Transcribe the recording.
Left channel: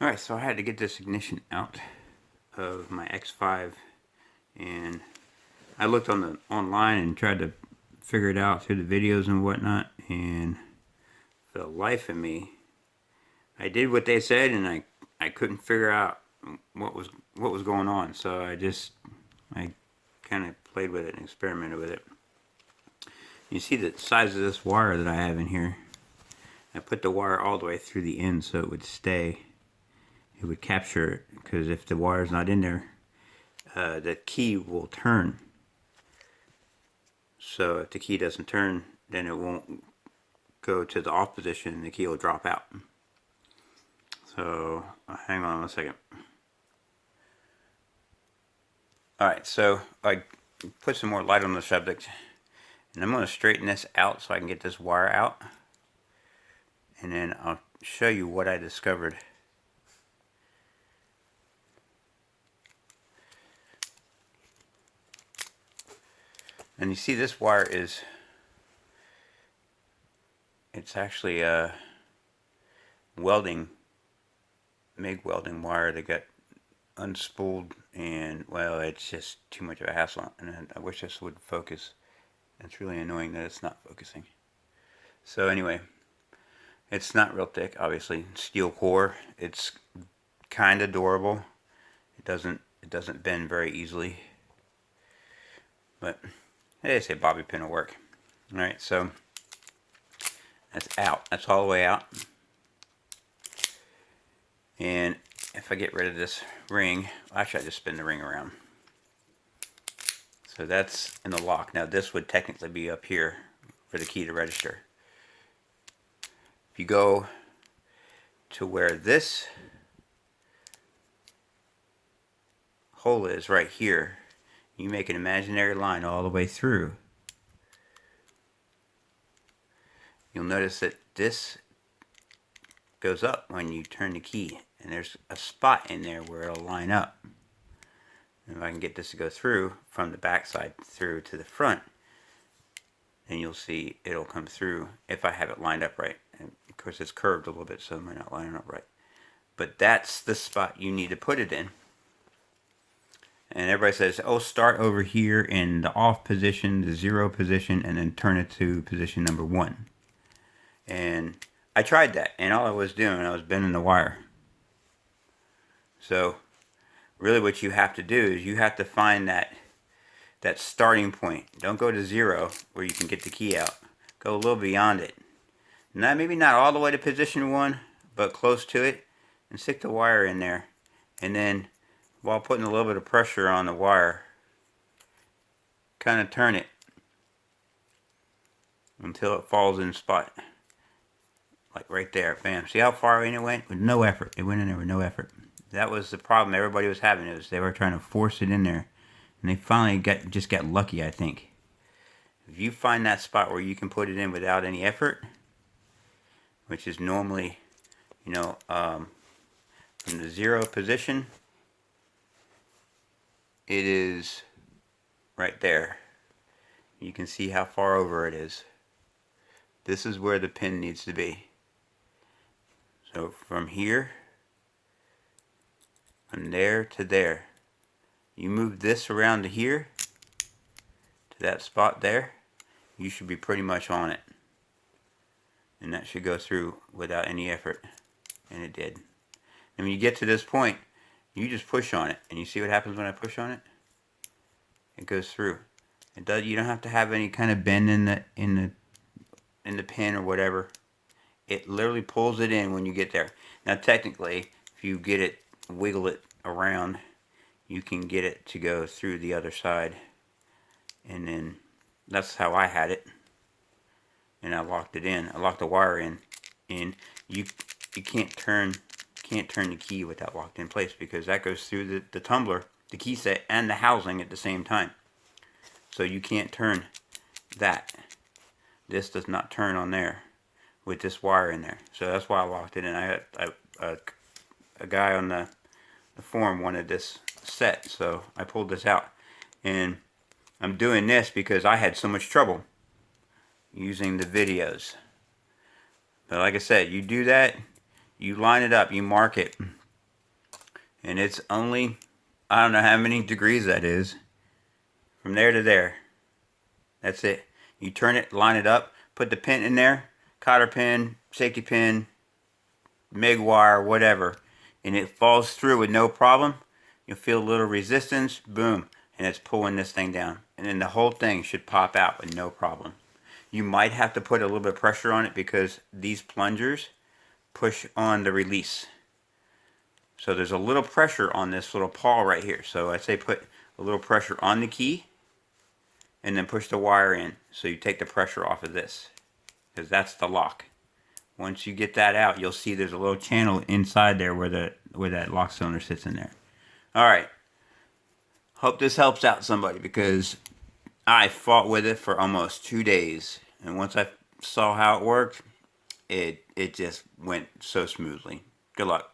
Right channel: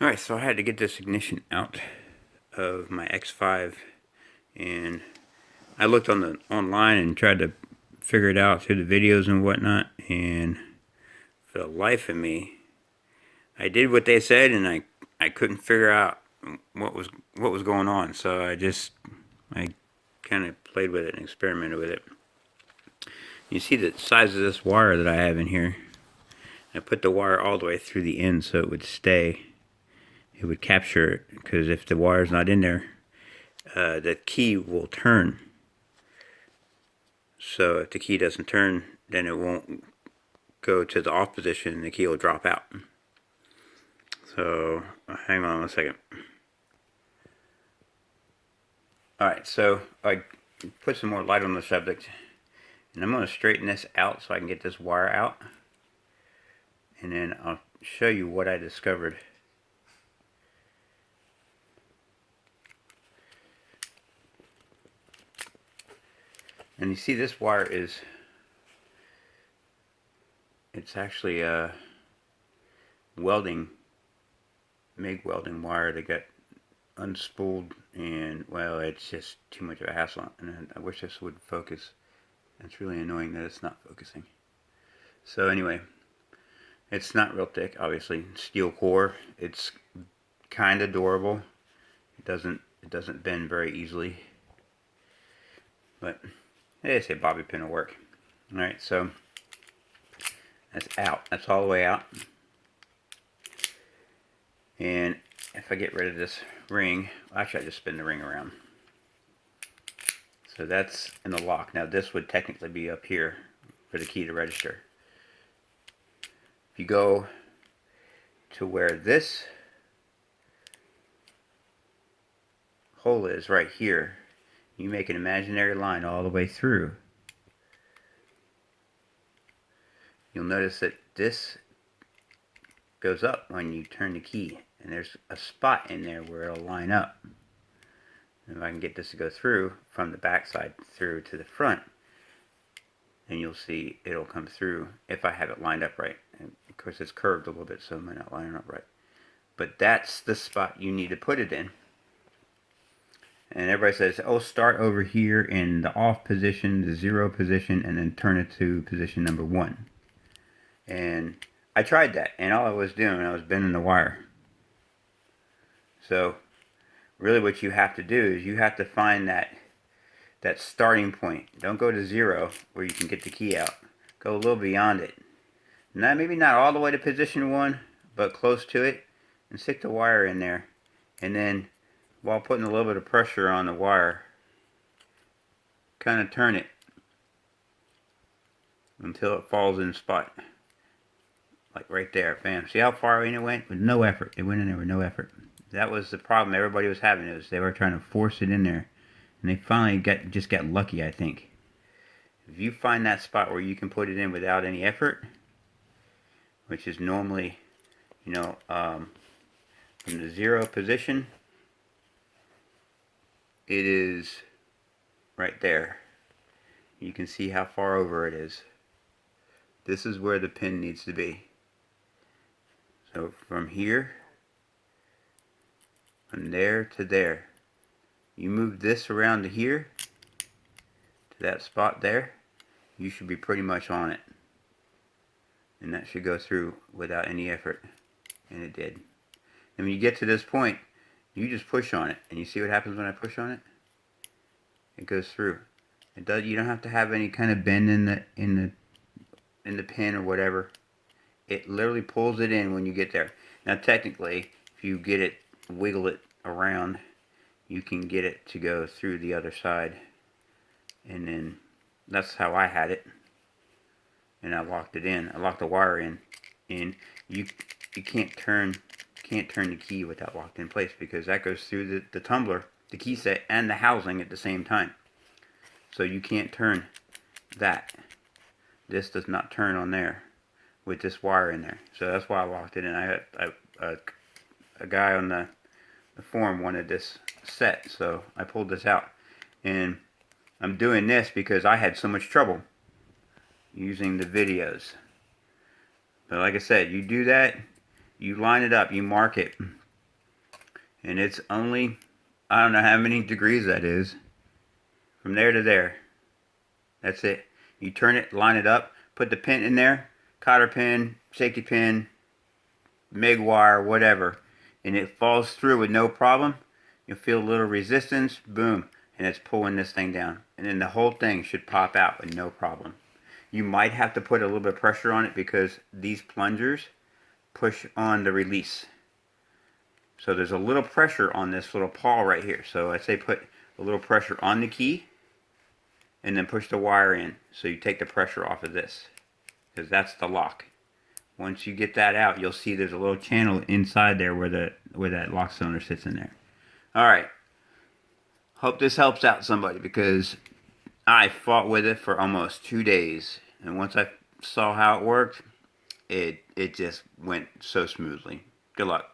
Alright, so I had to get this ignition out of my X5, and I looked online and tried to figure it out through the videos and whatnot, and for the life of me, I did what they said, and I couldn't figure out what was going on. So I kind of played with it and experimented with it. You see the size of this wire that I have in here. I put the wire all the way through the end so it would stay. It would capture it, because if the wire's not in there, the key will turn. So if the key doesn't turn, then it won't go to the off position and the key will drop out. So hang on a second. Alright, so I put some more light on the subject, and I'm going to straighten this out so I can get this wire out, and then I'll show you what I discovered. And you see this wire it's actually a MIG welding wire that got unspooled, and well, it's just too much of a hassle, and I wish this would focus. It's really annoying that it's not focusing. So anyway, it's not real thick, obviously. Steel core. It's kind of durable. It doesn't bend very easily. But they say bobby pin will work. Alright, so that's out. That's all the way out. And if I get rid of this ring, actually I just spin the ring around. So that's in the lock. Now this would technically be up here for the key to register. If you go to where this hole is right here, you make an imaginary line all the way through. You'll notice that this goes up when you turn the key, and there's a spot in there where it'll line up. And if I can get this to go through from the back side through to the front, then you'll see it'll come through if I have it lined up right. And of course it's curved a little bit, so it might not line up right. But that's the spot you need to put it in. And everybody says, oh, start over here in the off position, the 0 position, and then turn it to position number 1. And I tried that, and all I was doing, I was bending the wire. So really what you have to do is you have to find that starting point. Don't go to 0 where you can get the key out. Go a little beyond it. Now, maybe not all the way to position 1, but close to it, and stick the wire in there. And then, while putting a little bit of pressure on the wire, kind of turn it until it falls in spot. Like right there, bam. See how far in it went? With no effort. It went in there with no effort. That was the problem everybody was having, is they were trying to force it in there. And they finally just got lucky, I think. If you find that spot where you can put it in without any effort, which is normally, from the 0 position, it is right there. You can see how far over it is. This is where the pin needs to be. So from here, from there to there, you move this around to here, to that spot there, you should be pretty much on it. And that should go through without any effort. And it did. And when you get to this point, you just push on it, and you see what happens when I push on it? It goes through. It does. You don't have to have any kind of bend in the pin or whatever. It literally pulls it in when you get there. Now technically, if you get it, wiggle it around, you can get it to go through the other side. And then that's how I had it. And I locked it in. I locked the wire in. And you can't turn the key with that locked in place, because that goes through the tumbler, the key set, and the housing at the same time. So you can't turn that. This does not turn on there with this wire in there. So that's why I locked it in. I had a guy on the forum wanted this set, so I pulled this out. And I'm doing this because I had so much trouble using the videos. But like I said, you do that, you line it up, you mark it, And it's only, I don't know how many degrees that is. From there to there. That's it. You turn it, line it up, put the pin in there, cotter pin, safety pin, MIG wire, whatever, and it falls through with no problem. You'll feel a little resistance, boom, and it's pulling this thing down. And then the whole thing should pop out with no problem. You might have to put a little bit of pressure on it because these plungers push on the release. So there's a little pressure on this little pawl right here. So I'd say put a little pressure on the key and then push the wire in. So you take the pressure off of this because that's the lock. Once you get that out, you'll see there's a little channel inside there where that lock cylinder sits in there. All right. Hope this helps out somebody because I fought with it for almost 2 days. And once I saw how it worked, it just went so smoothly. Good luck.